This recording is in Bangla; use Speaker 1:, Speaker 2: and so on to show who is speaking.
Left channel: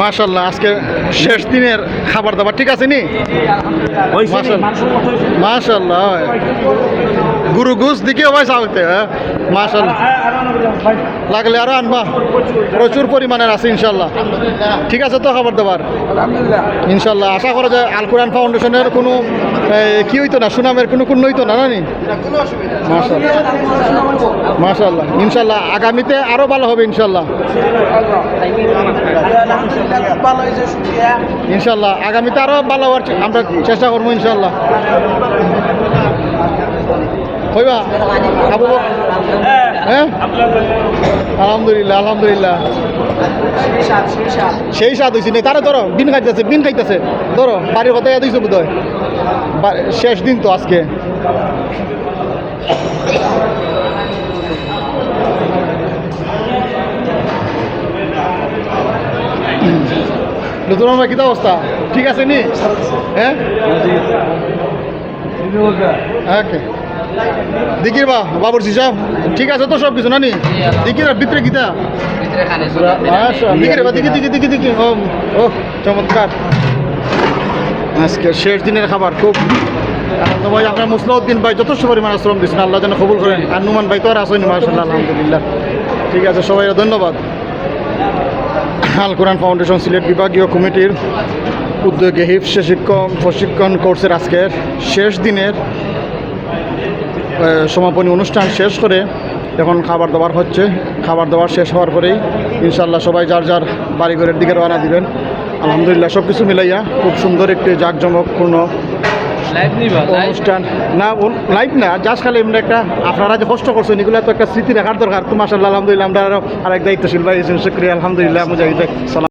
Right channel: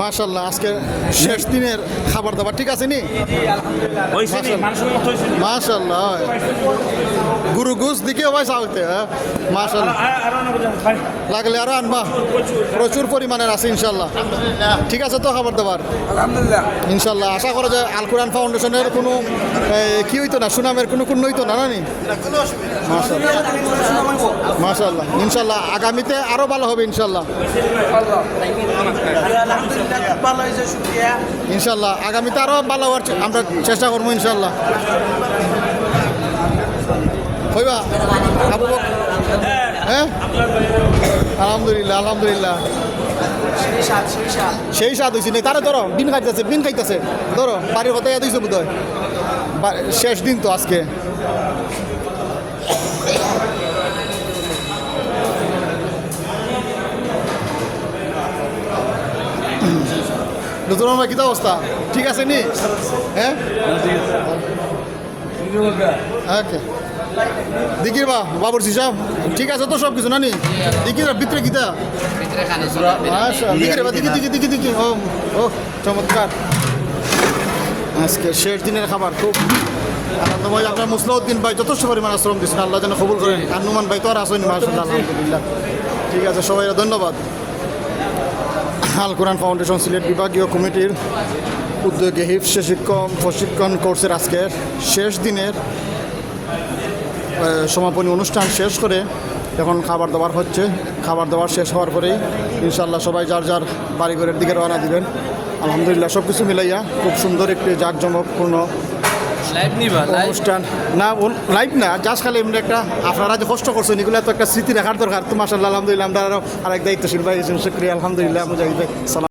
Speaker 1: মাশাল্লাহ আজকে শেষ দিনের খাবার দাবার ঠিক আছে নি? মাশাল্লাহ। গুরু গুস দিকে ভাই সাউতে হ্যাঁ? মাশাল্লাহ লাগলে আরও আনবা। প্রচুর পরিমাণের আছে ইনশাল্লাহ। ঠিক আছে তো খাবার দাবার? ইনশাল্লাহ। আশা করা যায় আল কোরআন ফাউন্ডেশনের কোনো কি হইতো না সুনামের কোনো কোনো হইতো না মাশাল্লাহ। মাশাল্লাহ। ইনশাল্লাহ আগামীতে আরও ভালো হবে ইনশাল্লাহ। ইনশাল্লাহ আগামীতে আরও ভালো হওয়ার আমরা চেষ্টা করব ইনশাল্লাহ। হইবা? আবু হ্যাঁ? আলহামদুলিল্লাহ আলহামদুলিল্লাহ। সেই স্বাদ হয়েছে নেই তারা ধরো বিন খাইতেছে বিন খাইতেছে। ধরো বাড়ির কথাই দিয়েছে বোধ হয় শেষ দিন তো আজকে। নতুন আমার কিতা অবস্থা? ঠিক আছে নি? হ্যাঁ? ওকে। দিকির বা বাবর সিসা? ঠিক আছে তো সব কিছু নানি? দিকির আর ভিতরে গীতা? আচ্ছা বা, দিকি দিকি দিকি দিকি, ও ও, চমৎকার। আজকে শেষ দিনের খাবার, খুব আনন্দ ভাই, আপনার মুসলাউদ্দিন ভাই যথেষ্ট পরিমাণে শ্রম দিচ্ছেন আল্লাহ যেন কবুল করেন। আর নুমান ভাই তো আর আসেনি মাসাল্লাহ আলহামদুলিল্লাহ। ঠিক আছে, সবাই ধন্যবাদ। আল কোরআন ফাউন্ডেশন সিলেট বিভাগীয় কমিটির উদ্যোগে হিফস শিক্ষক প্রশিক্ষণ কোর্সের আজকের শেষ দিনের সমাপনী অনুষ্ঠান শেষ করে এখন খাবার দাবার হচ্ছে। খাবার দাবার শেষ হওয়ার পরেই ইনশাল্লাহ সবাই যার যার বাড়িঘরের দিকে রওনা দিবেন। আলহামদুলিল্লাহ সব কিছু মিলাইয়া খুব সুন্দর একটি জাঁকজমকপূর্ণ অনুষ্ঠান। না লাইভ না জাস্ট খালি এমনি একটা আপনারা যে কষ্ট করছেন এগুলো তো একটা স্মৃতি রাখার দরকার। তো মাসাল্লাহ আলহামদুলিল্লাহ আমরা আরও আরেক দায়িত্বশীল ভাই শুক্রিয়া আলহামদুলিল্লাহ মুজাহিদ ভাই